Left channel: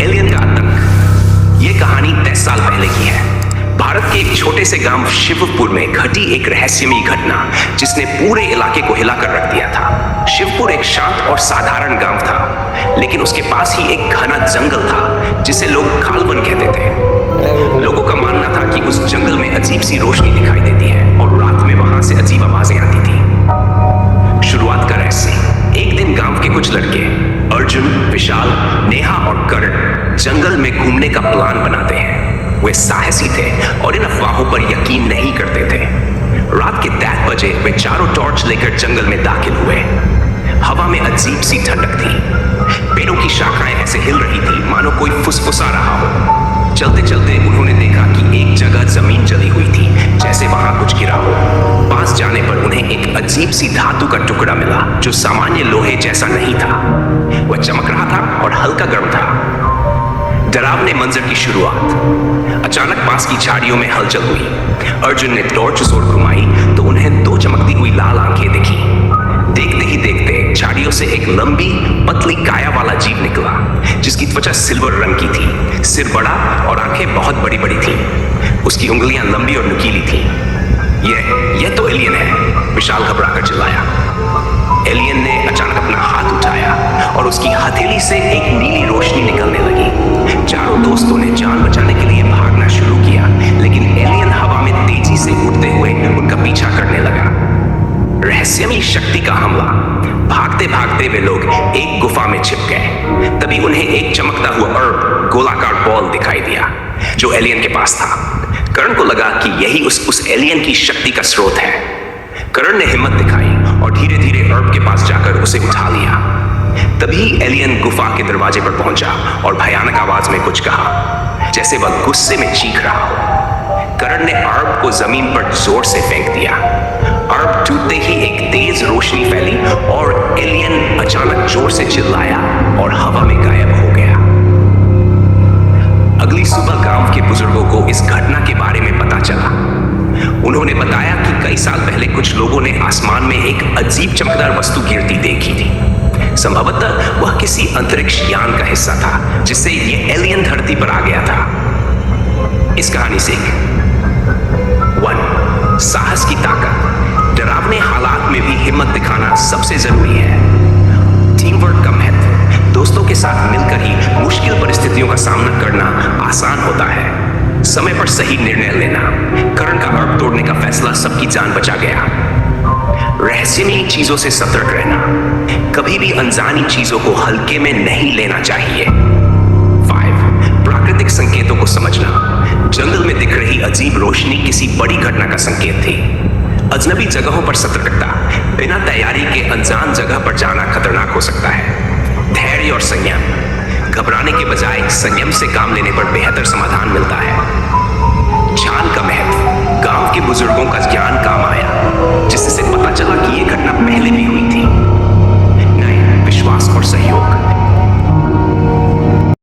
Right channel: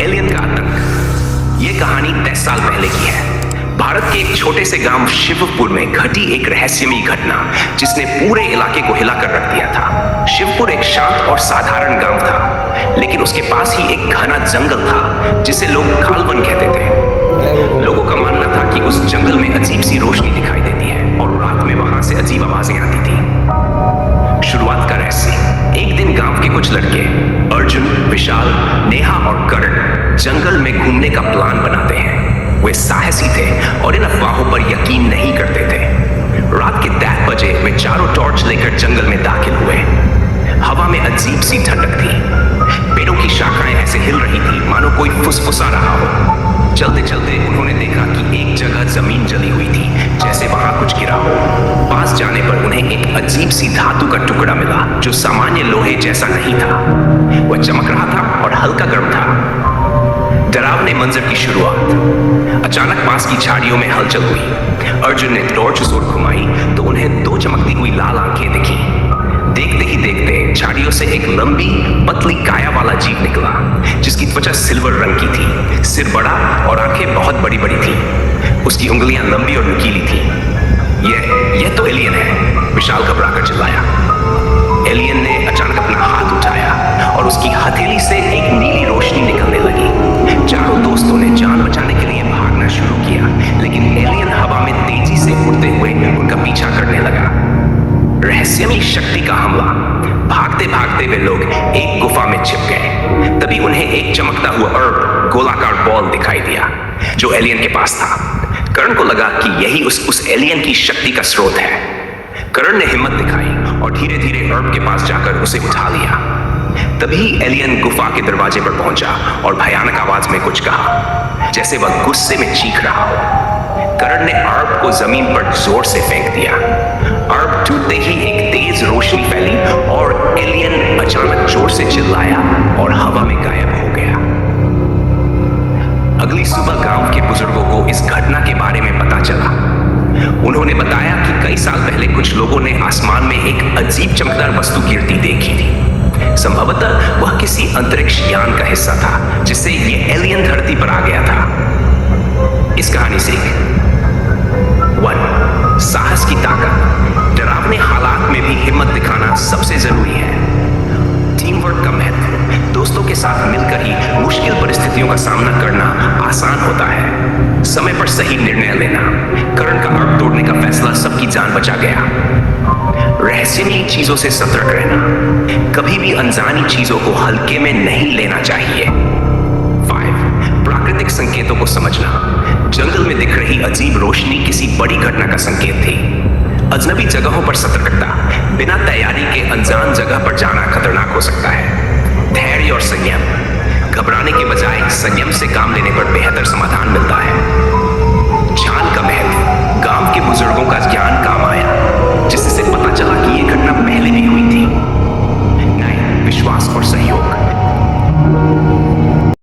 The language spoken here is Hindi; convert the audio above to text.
एलियन का आतंक। ये कहानी 10 साल पहले की है। भारत के एक छोटे से गांव शिवपुर में घटी एक रहस्यमयी घटना जिसने पूरे इलाके को हिलाकर रख दिया था। शिवपुर एक शांत और साधारण गांव था, लेकिन उसके पास ही एक घना जंगल था जिसे लोग खालवन कहते थे। लोगों का मानना था कि उस जंगल में अजीब सी रोशनी दिखाई देती है और रात में वहां से अजीब आवाजें आती थी। शुरुआत का रहस्य। एक दिन गांव के कुछ लड़के अर्जुन, विशाल, नेहा और करण जंगल में घूमने का प्लान बनाते हैं। वे साहसी थे और इन अफवाहों पर यकीन नहीं करते थे। रात के 10 बजे वे चारों टॉर्च लेकर जंगल में दाखिल हुए। हवा में अजीब सी ठंडक थी। पेड़ों की शाखाएं ऐसे हिल रही थी मानो कोई फुसफुसा रहा हो। चलते चलते उन्होंने देखा कि एक जगह जमीन जली हुई थी, जैसे वहां कुछ गिरा हो। पास जाने पर उन्हें एक अजीब सी धातु का टुकड़ा मिला जो सामान्य लोहे जैसा नहीं था। वह चमक रहा था और हल्का गर्म था। डरावने मंजर की शुरुआत। अचानक पास की झाड़ियों में हलचल हुई। अर्जुन ने टॉर्च उस ओर घुमाई तो उन्हें 2 चमकती हुई लाल आंखें दिखी। देखते ही देखते झाड़ियों से एक लंबी पतली काया वाला जीव निकला, जिसकी त्वचा सिल्वर रंग की थी, सिर बड़ा और आंखें बहुत बड़ी बड़ी थी। उसकी उंगलियां लंबी और नुकीली थी। यह तो एलियन है, विशाल घबराकर चिल्लाया। एलियन ने अचानक अपना हाथ उठाया और उसकी हथेली से एक नीली रोशनी निकलने लगी। चारों दोस्तों ने जान बचाने के लिए भागना शुरू किया, लेकिन एलियन हवा में तेजी से उड़ते हुए उनका पीछा करने लगा। रहस्यमयी शक्ति का हमला। भागते भागते वे लोग एक गुफा में छिप गए। तभी उन्हें एक चमकता हुआ अर्ब गोलाकार बॉल दिखाई दिया जो एलियन के पास था। करण को लगा कि यही उस एलियन की शक्ति का स्रोत है। करण ने हिम्मत दिखाई और धीरे धीरे अर्ब के पास जाकर उसे उठा लिया। तभी एलियन गुफा के दरवाजे पर पहुंचा और भयानक आवाज में कुछ कहा, जैसे वह गुस्से में चीख रहा हो। करण ने अर्ब को जमीन पर जोर से फेंक दिया। अर्ब टूटते ही एक तेज रोशनी फैली और एलियन अचानक जोर से चिल्लाया और हवा में गायब हो गया। अगली सुबह गांव के बुजुर्गों को इस घटना के बारे में पता चला। उन्होंने बताया कि कई साल पहले कुछ लोगों ने आसमान में एक अजीब चमकदार वस्तु गिरती देखी थी। संभवतः वह किसी अंतरिक्ष यान का हिस्सा था, जिससे यह एलियन धरती पर आ गया था। इस कहानी से 1. साहस की ताकत। डरावने हालात में भी हिम्मत दिखाना सबसे जरूरी है। टीम वर्क का महत्व। दोस्तों के साथ मिलकर ही मुश्किल परिस्थितियों का सामना करना आसान होता है। समय पर सही निर्णय लेना। करण का अर्ब तोड़ने का फैसला सबकी जान बचा गया। रहस्यमयी चीजों से सतर्क रहना। कभी भी अनजानी चीजों को हल्के में नहीं लेना चाहिए। 5. प्राकृतिक संकेतों को समझना। जंगल में दिख रही अजीब रोशनी किसी बड़ी घटना का संकेत थी। अजनबी जगहों पर सतर्कता। बिना तैयारी के अनजान जगह पर जाना खतरनाक हो सकता है। धैर्य और संयम। घबराने के बजाय संयम से काम लेने पर बेहतर समाधान मिलता है। ज्ञान का महत्व। गांव के बुजुर्गों का ज्ञान काम आया, जिससे पता चला कि यह घटना पहले भी हुई थी। 9. विश्वास और सहयोग।